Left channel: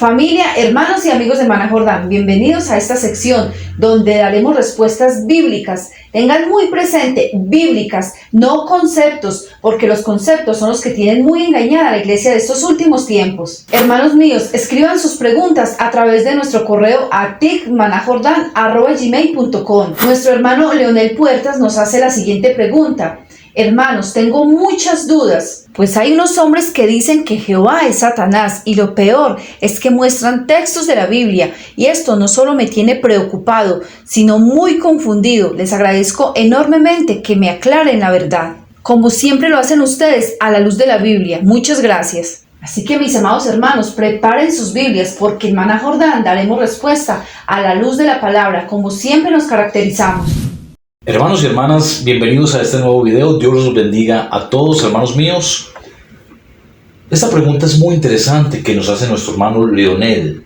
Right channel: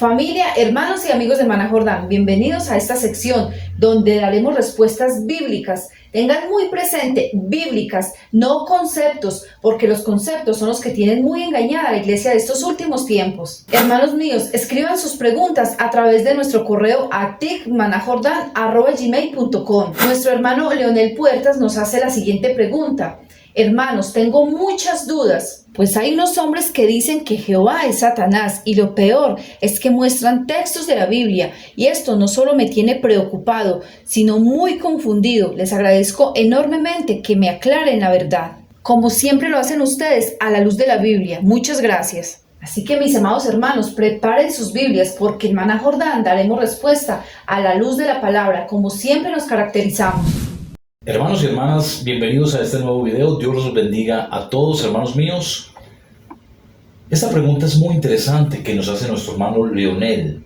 Familia, hermanos y amigos de Maná Jordán, bienvenidos a esta sección donde daremos respuestas bíblicas. Tengan muy presente, bíblicas, no conceptos, porque los conceptos son los que tienen muy engañada a la iglesia de estos últimos tiempos. Hermanos míos, escriban sus preguntas a través de nuestro correo a ticmanajordan@gmail.com. Nuestro hermano Leonel Puertas nos hace la siguiente pregunta. Hermanos, tengo muchas dudas, pues hay unos hombres que dicen que Jehová es Satanás y lo peor es que muestran textos de la Biblia y esto no solo me tiene preocupado, sino muy confundido. Les agradezco enormemente que me aclaren la verdad, como siempre lo hacen ustedes a la luz de la Biblia. Muchas gracias. Así que mis amados hermanos, preparen sus Biblias porque en Maná Jordán daremos respuesta a la luz de la palabra, como siempre nos caracterizamos. Hermanos y hermanas, bienvenidos a este nuevo video. Dios los bendiga a todos, hermanos míos. Esta pregunta es muy interesante que nos hace nuestro hermano Leonel,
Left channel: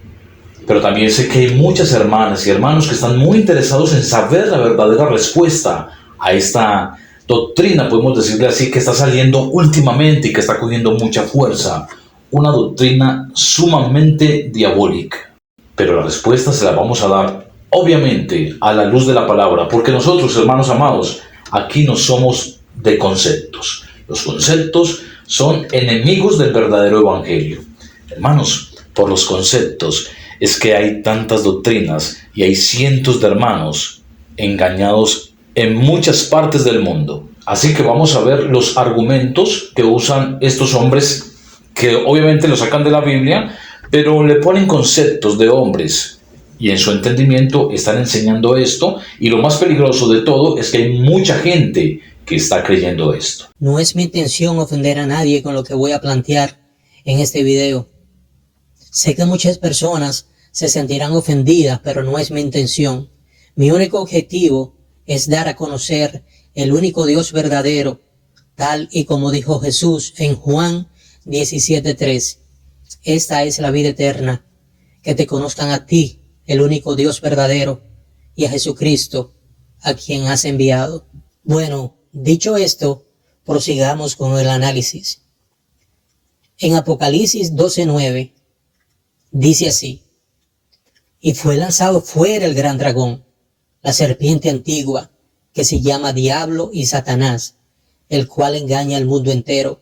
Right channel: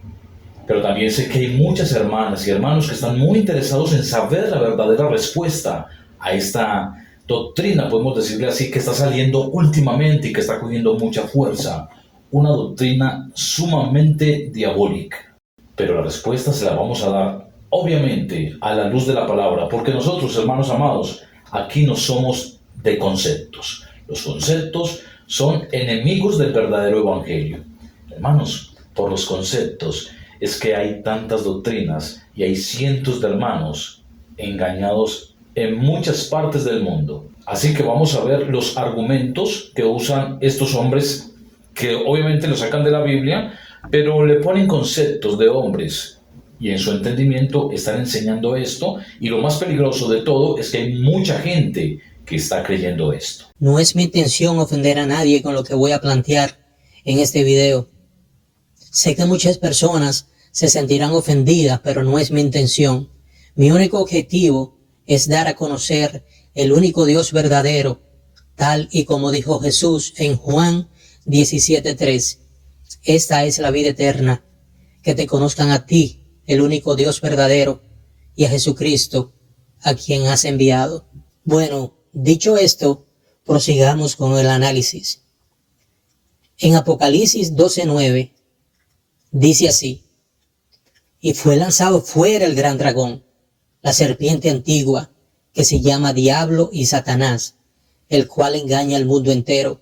pero también sé que hay muchas hermanas y hermanos que están muy interesados en saber la verdadera respuesta a esta doctrina, podemos decirle así, que está saliendo últimamente y que está cogiendo mucha fuerza. Una doctrina sumamente diabólica. Pero la respuesta se la vamos a dar obviamente a la luz de la palabra, porque nosotros, hermanos amados, aquí no somos de conceptos. Los conceptos son enemigos del verdadero evangelio. Hermanos, por los conceptos es que hay tantas doctrinas y hay cientos de hermanos engañados en muchas partes del mundo. Así que vamos a ver los argumentos que usan estos hombres, que obviamente lo sacan de la Biblia, pero le ponen conceptos de hombres. Y en su entendimiento están enseñando esto, y lo más peligroso de todo es que hay mucha gente que está creyendo esto. No es mi intención ofender a nadie con lo que voy a plantear en este video. Sé que muchas personas se sentirán ofendidas, pero no es mi intención. Mi único objetivo es dar a conocer el único Dios verdadero, tal y como dijo Jesús en Juan 17:3. Esta es la vida eterna, que te conozcan a ti, el único Dios verdadero, y a Jesucristo, a quien has enviado. Bueno, dicho esto, prosigamos con el análisis. En Apocalipsis 12:9 dice así: y fue lanzado fuera el gran dragón, la serpiente antigua, que se llama Diablo y Satanás, el cual engaña al mundo entero.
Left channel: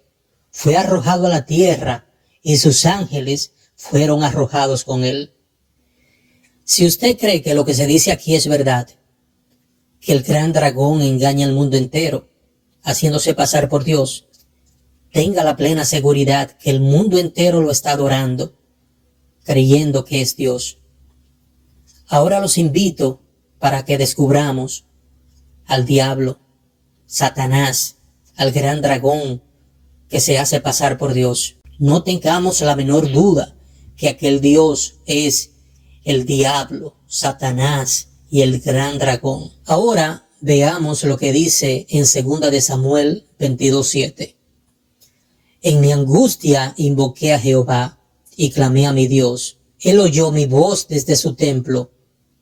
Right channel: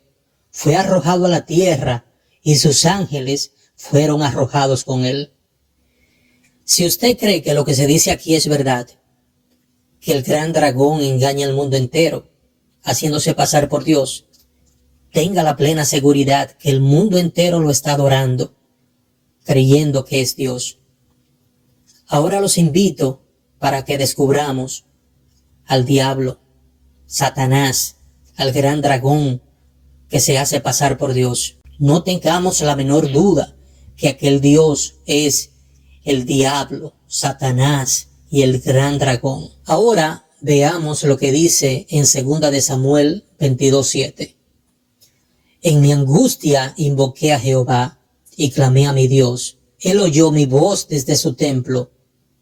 Fue arrojado a la tierra, y sus ángeles fueron arrojados con él. Si usted cree que lo que se dice aquí es verdad, que el gran dragón engaña al mundo entero, haciéndose pasar por Dios, tenga la plena seguridad que el mundo entero lo está adorando, creyendo que es Dios. Ahora los invito para que descubramos al diablo, Satanás, al gran dragón que se hace pasar por Dios. No tengamos la menor duda que aquel Dios es el diablo, Satanás y el gran dragón. Ahora veamos lo que dice en 2 de Samuel 22:7. En mi angustia invoqué a Jehová y clamé a mi Dios. Él oyó mi voz desde su templo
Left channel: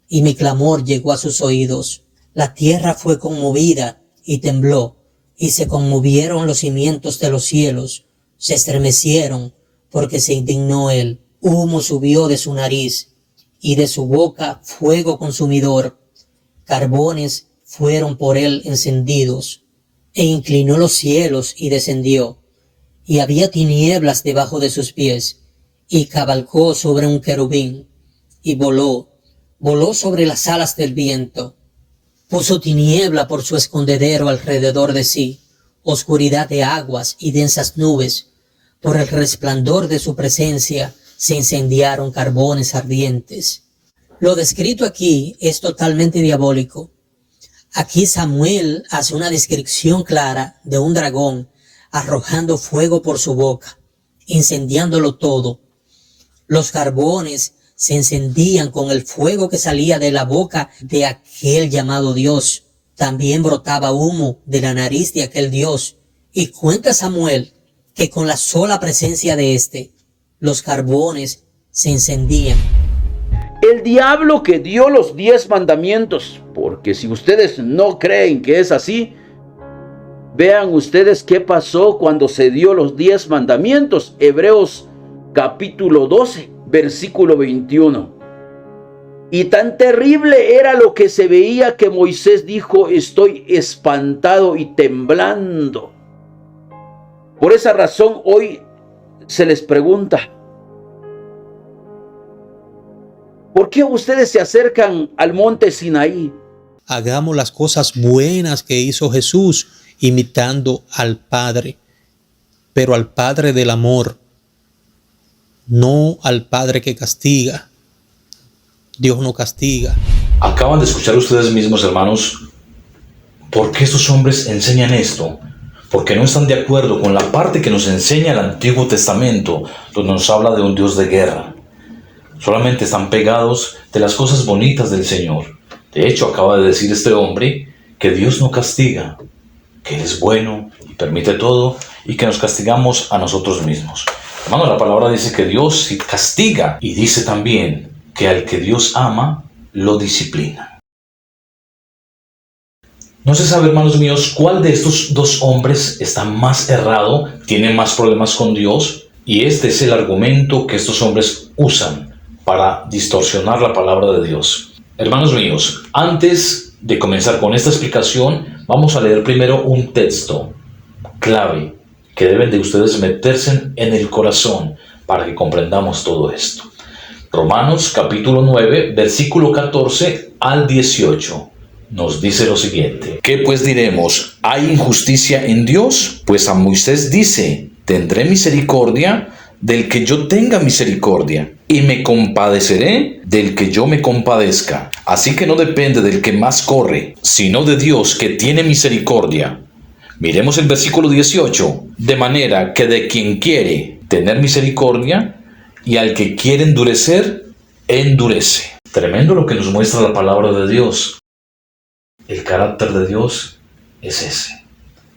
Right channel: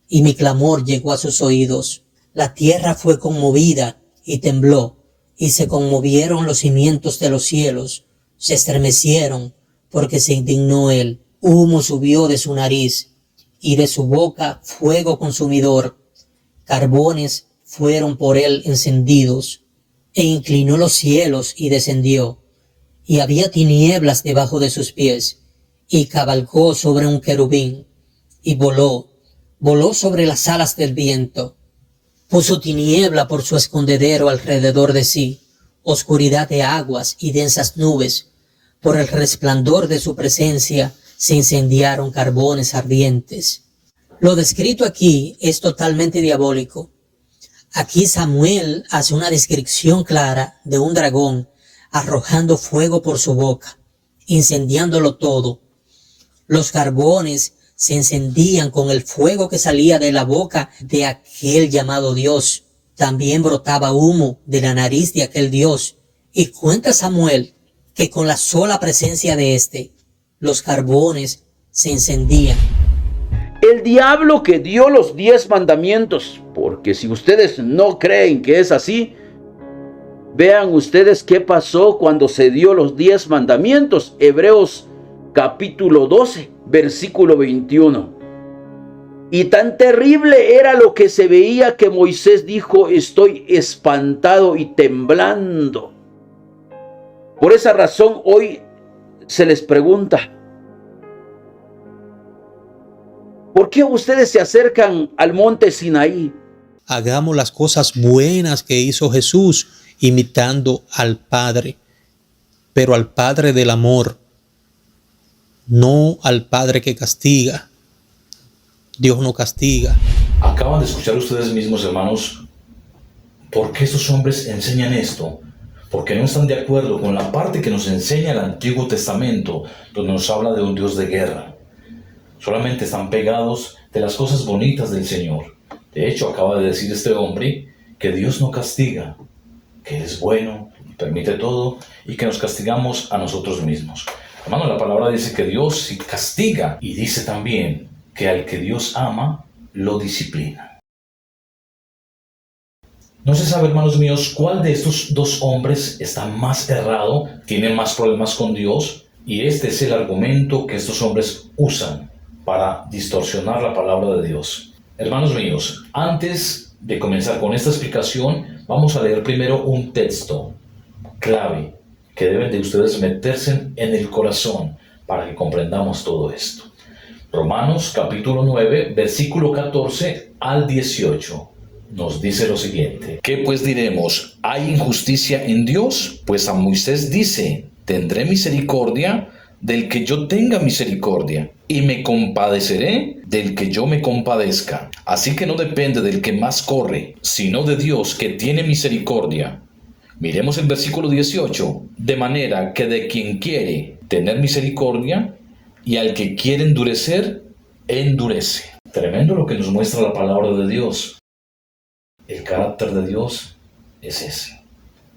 y mi clamor llegó a sus oídos. La tierra fue conmovida y tembló y se conmovieron los cimientos de los cielos. Se estremecieron porque se indignó él. Humo subió de su nariz y de su boca fuego consumidor. Carbones fueron por él encendidos, e inclinó los cielos y descendió, y había tinieblas debajo de sus pies, y cabalgó sobre un querubín, y voló sobre las alas del viento. Puso tiniebla por su escondedero alrededor de sí, oscuridad de aguas y densas nubes. Por el resplandor de su presencia se incendiaron carbones ardientes. Lo descrito aquí es totalmente diabólico. Aquí Samuel hace una descripción clara de un dragón arrojando fuego por su boca, incendiándolo todo. Los carbones se encendían con el fuego que salía de la boca de aquel llamado Dios. También brotaba humo de la nariz de aquel Dios. Y cuenta Samuel que con la sola presencia de éste, los carbones se encendían. El diablo que dio los 10 mandamientos, porque si ustedes no creen que es así, vean ustedes qué pasó cuando se dio los 10 mandamientos. Hebreos capítulo 12, versículo 21. Y tan terrible era lo que se veía que Moisés dijo: estoy espantado y temblando. Por esa razón hoy se les pregunta: ¿por qué ustedes se acercan al monte Sinaí? Hagamos las cosas buenas que hizo Jesús, imitando al Padre, pero al Padre del amor, no al Padre que castiga. Dios no castiga. Acaban de escuchar ustedes mismos, hermanos, por qué estos hombres enseñan esto. Porque no están de acuerdo con la parte que nos enseña el Antiguo Testamento, donde nos habla de un Dios de guerra. Solamente están pegados de las cosas bonitas del Señor. De hecho, acaba de decir este hombre que Dios no castiga, que Él es bueno y permite todo, y que nos castigamos a nosotros mismos. Hermano, la palabra dice que Dios sí castiga, y dice también que al que Dios ama, lo disciplina. No se sabe, hermanos míos, cuál de estos dos hombres está más errado, tiene más problemas con Dios, y este es el argumento que estos hombres usan para distorsionar la palabra de Dios. Hermanos míos, antes de comenzar con esta explicación, vamos a leer primero un texto clave que deben de ustedes meterse en el corazón para que comprendamos todo esto. Romanos capítulo 9, versículo 14 al 18. Nos dice lo siguiente: ¿qué pues diremos? ¿Hay injusticia en Dios? Pues a Moisés dice: tendré misericordia del que yo tenga misericordia, y me compadeceré del que yo me compadezca. Así que no depende del que más corre, sino de Dios que tiene misericordia. Miremos el versículo 18. De manera que de quien quiere tener misericordia, y al que quiere endurecer, endurece. Tremendo lo que nos muestra la palabra de Dios. El carácter de Dios es ese.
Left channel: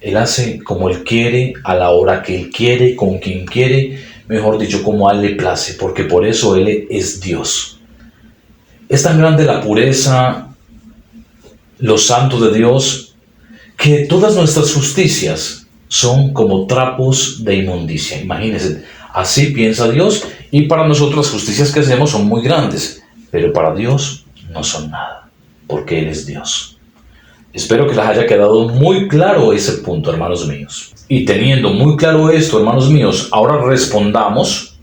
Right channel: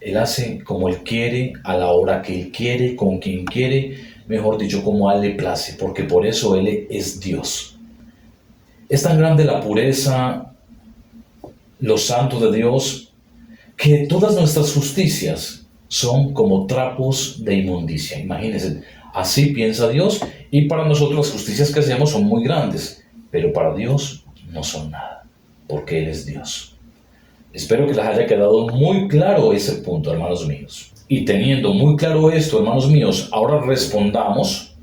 Él hace como Él quiere, a la hora que Él quiere, con quien quiere, mejor dicho, como a Él le place, porque por eso Él es Dios. Es tan grande la pureza, los santos de Dios, que todas nuestras justicias son como trapos de inmundicia. Imagínense, así piensa Dios, y para nosotros las justicias que hacemos son muy grandes, pero para Dios no son nada, porque Él es Dios. Espero que les haya quedado muy claro ese punto, hermanos míos. Y teniendo muy claro esto, hermanos míos, ahora respondamos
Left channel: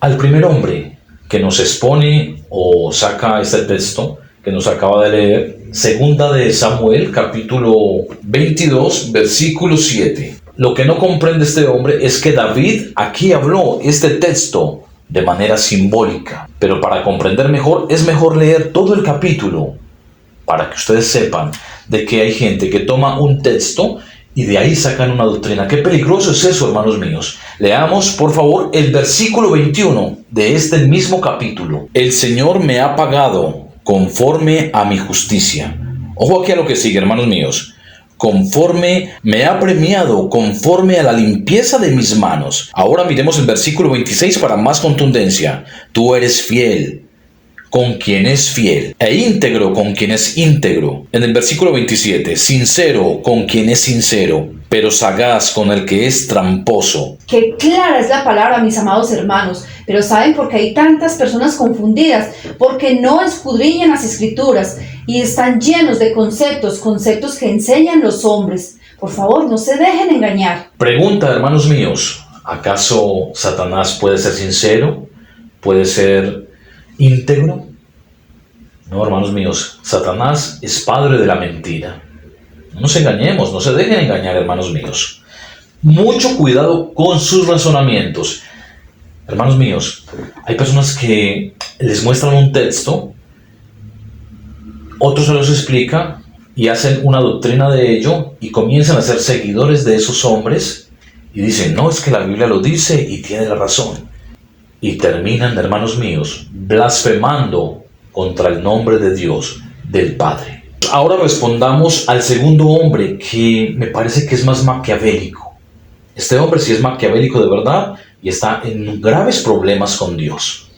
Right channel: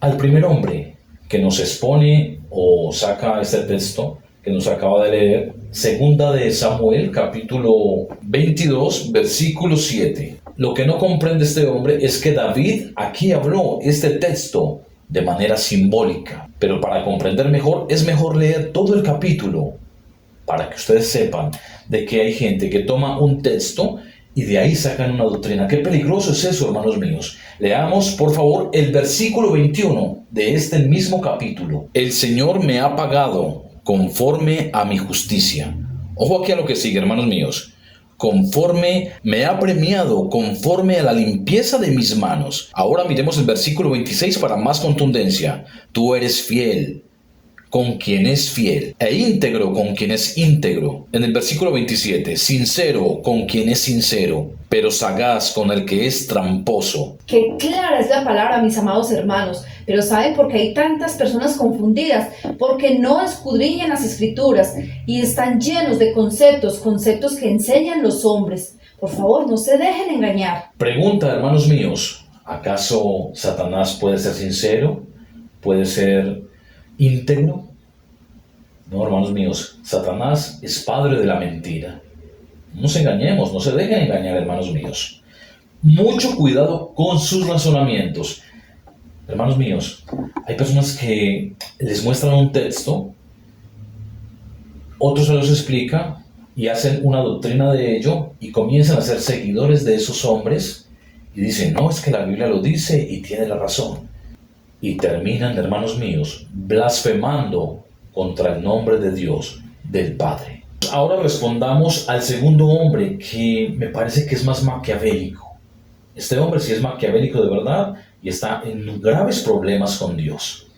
al primer hombre que nos expone o saca este texto que nos acaba de leer, segunda de Samuel, capítulo 22, versículo 7. Lo que no comprende este hombre es que David aquí habló este texto de manera simbólica, pero para comprender mejor es mejor leer todo el capítulo, para que ustedes sepan de que hay gente que toma un texto y de ahí sacan una doctrina. Qué peligroso es eso, hermanos míos. Leamos, por favor, el versículo 21 de este mismo capítulo. El Señor me ha pagado conforme a mi justicia. Ojo aquí a lo que sigue, hermanos míos. Conforme me ha premiado, conforme a la limpieza de mis manos. Ahora miremos el versículo 26 para más contundencia. Tú eres fiel con quien es fiel, e íntegro con quien es íntegro. En el versículo 27, sincero con quien es sincero, pero sagaz con el que es tramposo. Qué clara es la palabra, mis amados hermanos. Pero ¿saben por qué hay tantas personas confundidas? Porque no escudriñan las Escrituras y están llenos de conceptos que enseñan los hombres. Por favor, no se dejen engañar. Pregunta, hermanos míos, ¿acaso Satanás puede ser sincero? ¿Puede ser íntegro? No, hermanos míos, Satanás es padre de la mentira. No nos engañemos, no se dejen engañar, hermanos míos. Mucho cuidado con sus razonamientos. Hermanos míos, hay personas que les muestran un texto, otros se los explica y hacen una doctrina de ello y comienzan a ser seguidores de esos hombres y dicen: no, es que la Biblia lo dice y tiene la razón. Y terminan, hermanos míos, blasfemando contra el nombre de Dios, del Padre. Ahora respondamos al segundo hombre, que me parece que es más maquiavélico. Este hombre sí es maquiavélico de verdad y está en graves problemas con Dios.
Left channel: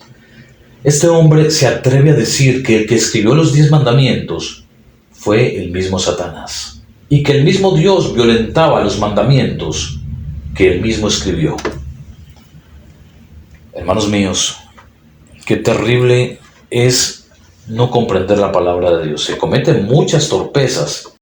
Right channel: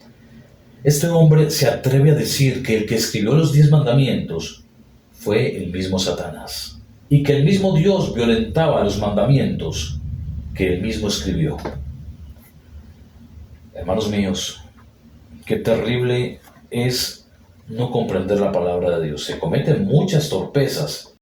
Este hombre se atreve a decir que el que escribió los 10 mandamientos fue el mismo Satanás, y que el mismo Dios violentaba los mandamientos que él mismo escribió. Hermanos míos, qué terrible es no comprender la palabra de Dios. Se cometen muchas torpezas.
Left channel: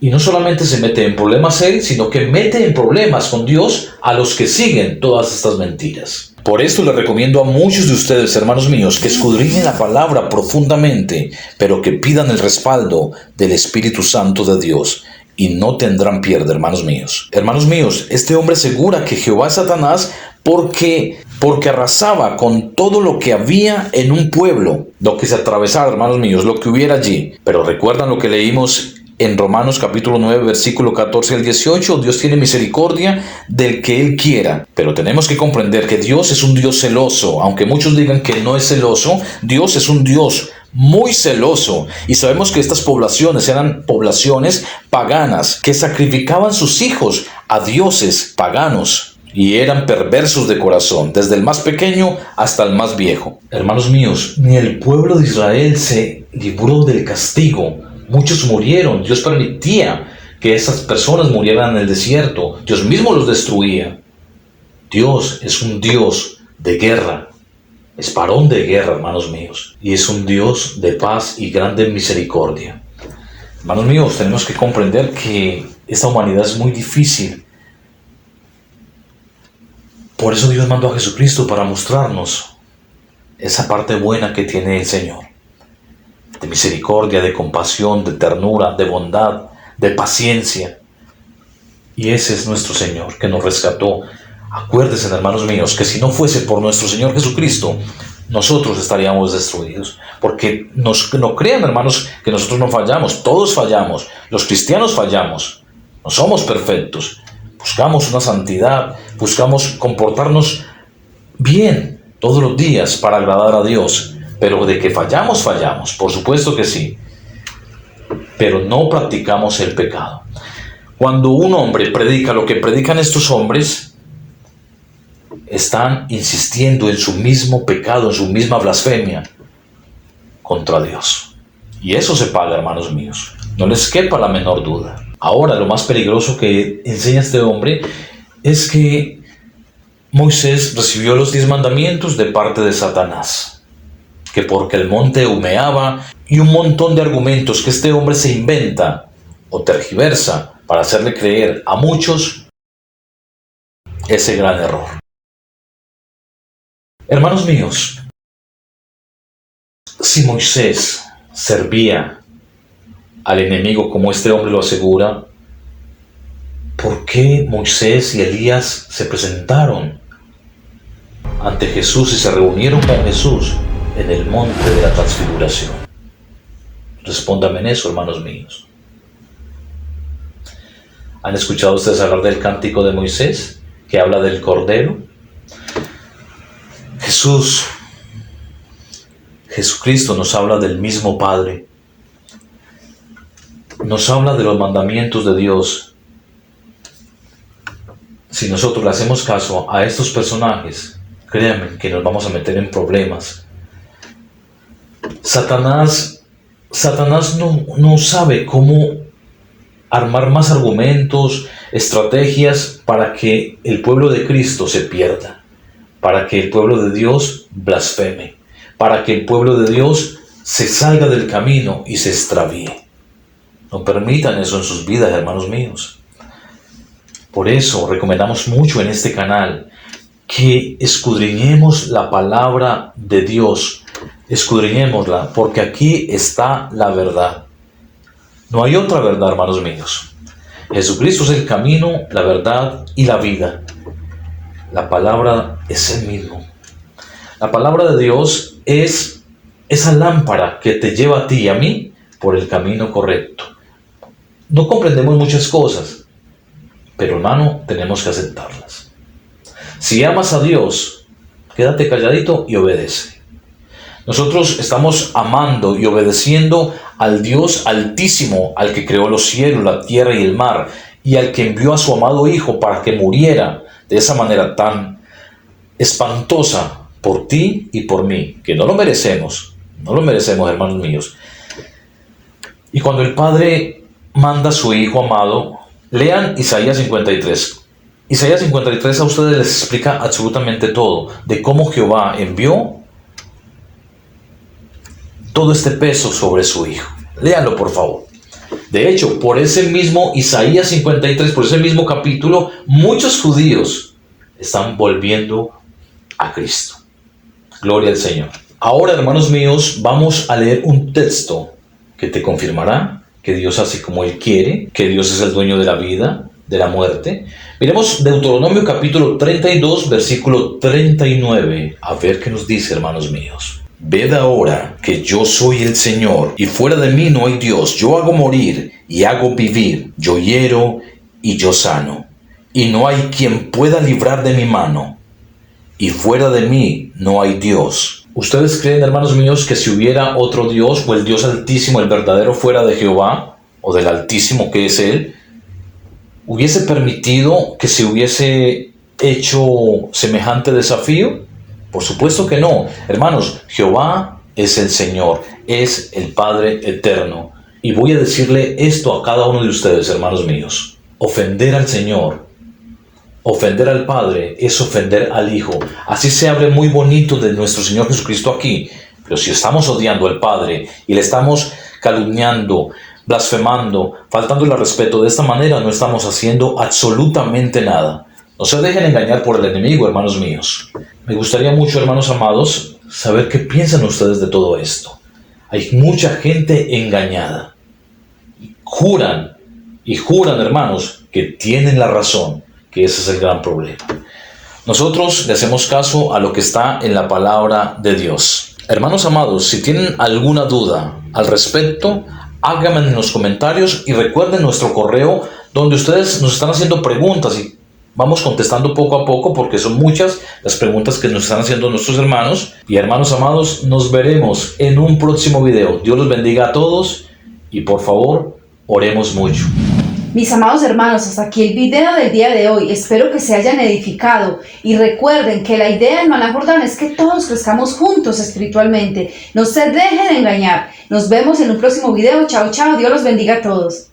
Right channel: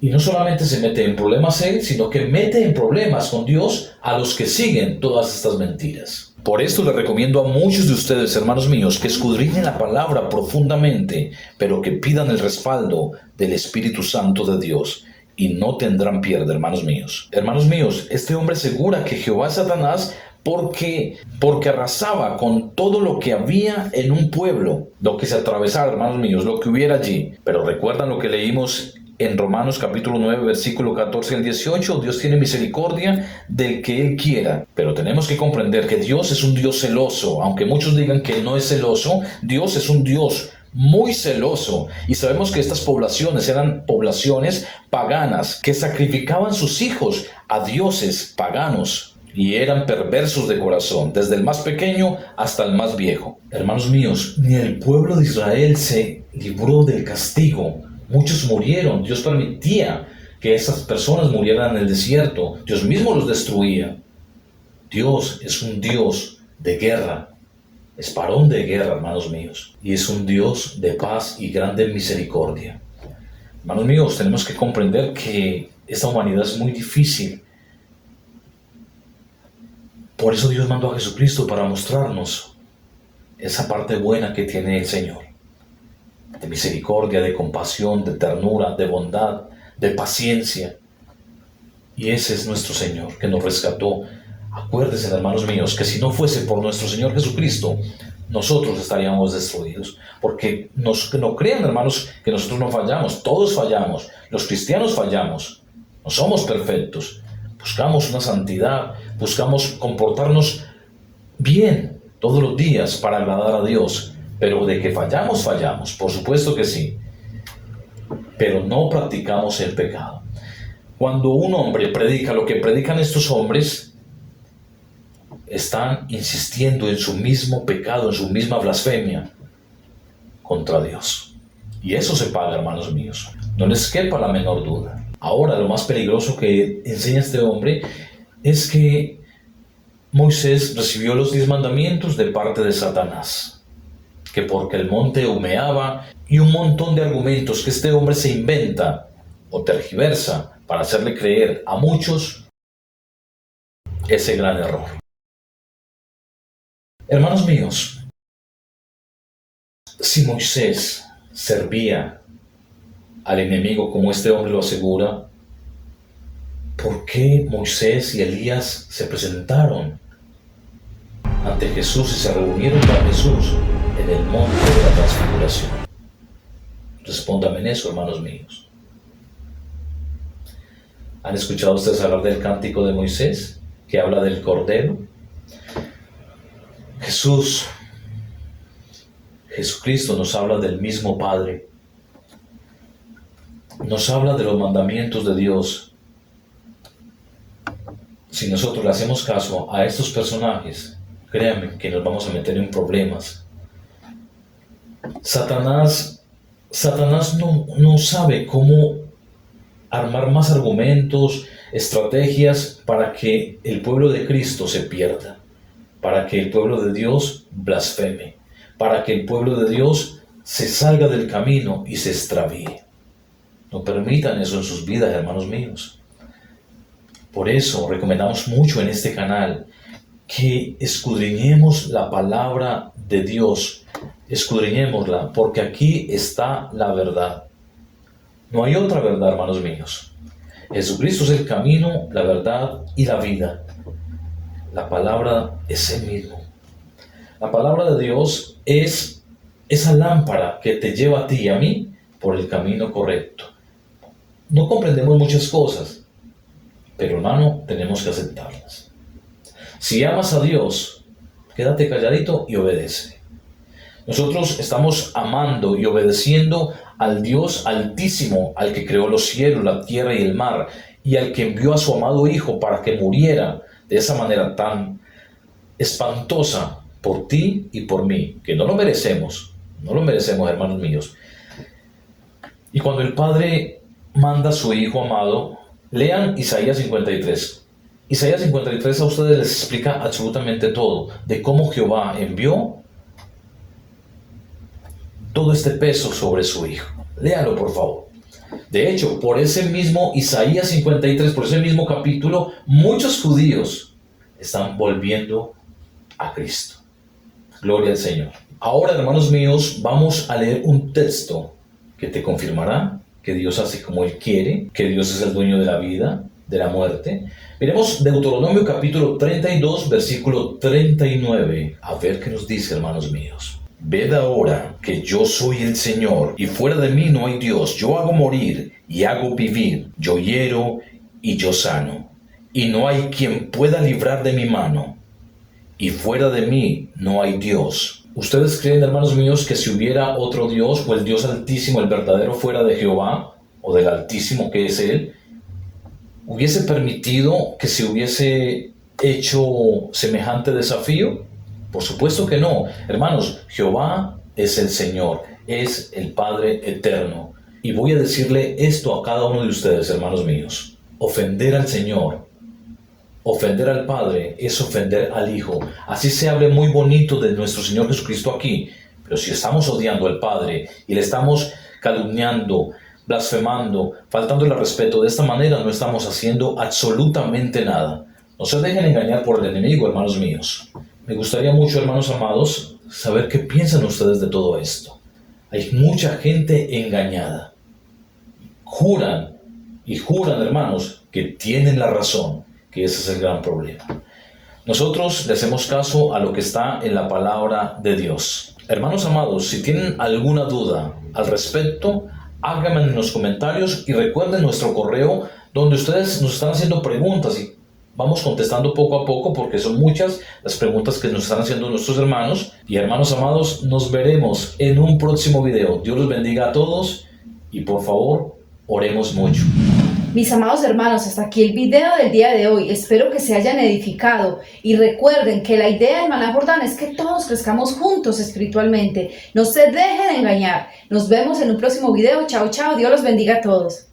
Y no solamente se mete en problemas él, sino que mete en problemas con Dios a los que siguen todas estas mentiras. Por esto les recomiendo a muchos de ustedes, hermanos míos, que escudriñen la palabra profundamente, pero que pidan el respaldo del Espíritu Santo de Dios. Y no tendrán pierde, hermanos míos. Hermanos míos, este hombre asegura que Jehová es Satanás porque arrasaba con todo lo que había en un pueblo, lo que se atravesara, hermanos míos, lo que hubiera allí. Pero recuerdan lo que leímos en Romanos capítulo 9, versículo 14 al 18, Dios tiene misericordia del que Él quiera. Pero tenemos que comprender que Dios es un Dios celoso. Aunque muchos digan que no es celoso, Dios es un Dios muy celoso. Y sabemos que estas poblaciones eran poblaciones paganas que sacrificaban sus hijos a dioses paganos. Y eran perversos de corazón, desde el más pequeño hasta el más viejo. Hermanos míos, ni el pueblo de Israel se libró del castigo. Muchos murieron. Dios permitía que esas personas murieran en el desierto. Dios mismo los destruía. Dios es un Dios de guerra. Es varón de guerra, hermanos míos. Y es un Dios de paz y grande misericordia. Hermanos míos, tenemos que comprender que esta humanidad es muy difícil. Por eso Dios mandó a Jesucristo para mostrarnos esa parte buena que tiene el Señor. De misericordia, de compasión, de ternura, de bondad, de paciencia. Y ese es nuestro Señor que nos rescató. Acuérdense, hermanos míos, que si no fuese por nuestro Señor Jesucristo, nosotros estaríamos destruidos. Porque no crean, hermanos, que nosotros no fallamos. Todos fallamos. Los cristianos fallamos. No somos perfectos. Buscamos una santidad. Buscamos comportarnos bien todos los días para agradar a Dios. Pero de que fallamos, fallamos. Por supuesto que sí. Pero no practicamos el pecado. Cuando un hombre predica lo que predican estos hombres, están insistiendo en su mismo pecado, en su misma blasfemia contra Dios. Y eso se paga, hermanos míos. No les quepa la menor duda. Ahora, lo más peligroso que enseña este hombre es que Moisés recibió los 10 mandamientos de parte de Satanás. Que porque el monte humeaba y un montón de argumentos que este hombre se inventa o tergiversa para hacerle creer a muchos ese gran error. Hermanos míos, si Moisés servía al enemigo como este hombre lo asegura, ¿por qué Moisés y Elías se presentaron ante Jesús y se reunieron con Jesús en el monte de la transfiguración? Respóndame en eso, hermanos míos. ¿Han escuchado ustedes hablar del cántico de Moisés, que habla del Cordero? Jesucristo nos habla del mismo Padre. Nos habla de los mandamientos de Dios. Si nosotros le hacemos caso a estos personajes, créanme que nos vamos a meter en problemas. Satanás no sabe cómo armar más argumentos, estrategias para que el pueblo de Cristo se pierda, para que el pueblo de Dios blasfeme, para que el pueblo de Dios se salga del camino y se extravíe. No permitan eso en sus vidas, hermanos míos. Por eso recomendamos mucho en este canal que escudriñemos la palabra de Dios. Escudriñémosla, porque aquí está la verdad. No hay otra verdad, hermanos míos. Jesucristo es el camino, la verdad y la vida. La palabra es el mismo. La palabra de Dios es esa lámpara que te lleva a ti y a mí por el camino correcto. No comprendemos muchas cosas, pero hermano, tenemos que aceptarlas. Si amas a Dios, quédate calladito y obedece. Nosotros estamos amando y obedeciendo al Dios Altísimo, al que creó los cielos, la tierra y el mar, y al que envió a su amado Hijo para que muriera de esa manera tan espantosa por ti y por mí, que no lo merecemos, hermanos míos. Y cuando el Padre manda a su Hijo amado, lean Isaías 53. Isaías 53 a ustedes les explica absolutamente todo, de cómo Jehová envió todo este peso sobre su hijo. Léanlo, por favor. De hecho, por ese mismo Isaías 53, por ese mismo capítulo, muchos judíos están volviendo a Cristo. Gloria al Señor. Ahora, hermanos míos, vamos a leer un texto que te confirmará que Dios hace como Él quiere, que Dios es el dueño de la vida, de la muerte. Miremos Deuteronomio capítulo 32, versículo 39. A ver qué nos dice, hermanos míos. Ved ahora que yo soy el Señor, y fuera de mí no hay Dios. Yo hago morir y hago vivir, yo hiero y yo sano, y no hay quien pueda librar de mi mano, y fuera de mí no hay Dios. ¿Ustedes creen, hermanos míos, que si hubiera otro Dios, o el Dios Altísimo, el verdadero, fuera de Jehová, o del Altísimo que es Él, hubiese permitido que se hubiese hecho semejante desafío? Por supuesto que no. Hermanos, Jehová es el Señor, es el Padre eterno. Y voy a decirle esto a cada uno de ustedes, hermanos míos. Ofender al Señor, ofender al Padre, es ofender al Hijo. Así se hable muy bonito de nuestro Señor Jesucristo aquí, pero si estamos odiando al Padre y le estamos calumniando, blasfemando, faltándole al respeto de esta manera, no estamos haciendo absolutamente nada. No se dejen engañar por el enemigo, hermanos míos. Me gustaría mucho, hermanos amados, saber qué piensan ustedes de todo esto. Hay mucha gente engañada. Juran, hermanos, que tienen la razón, que ese es el gran problema. Nosotros le hacemos caso a lo que está en la palabra de Dios. Hermanos amados, si tienen alguna duda al respecto, háganme en los comentarios y recuerden nuestro correo donde ustedes nos están haciendo preguntas y vamos contestando poco a poco porque son muchas las preguntas que nos están haciendo nuestros hermanos. Y hermanos amados, nos veremos en un próximo video. Dios los bendiga a todos y por favor, oremos mucho. Mis amados hermanos, hasta aquí el video del día de hoy. Espero que se hayan edificado y recuerden que la idea del Maná Jordán es que todos crezcamos juntos espiritualmente. No se dejen engañar. Nos vemos en un próximo video. Chao, chao. Dios los bendiga a todos.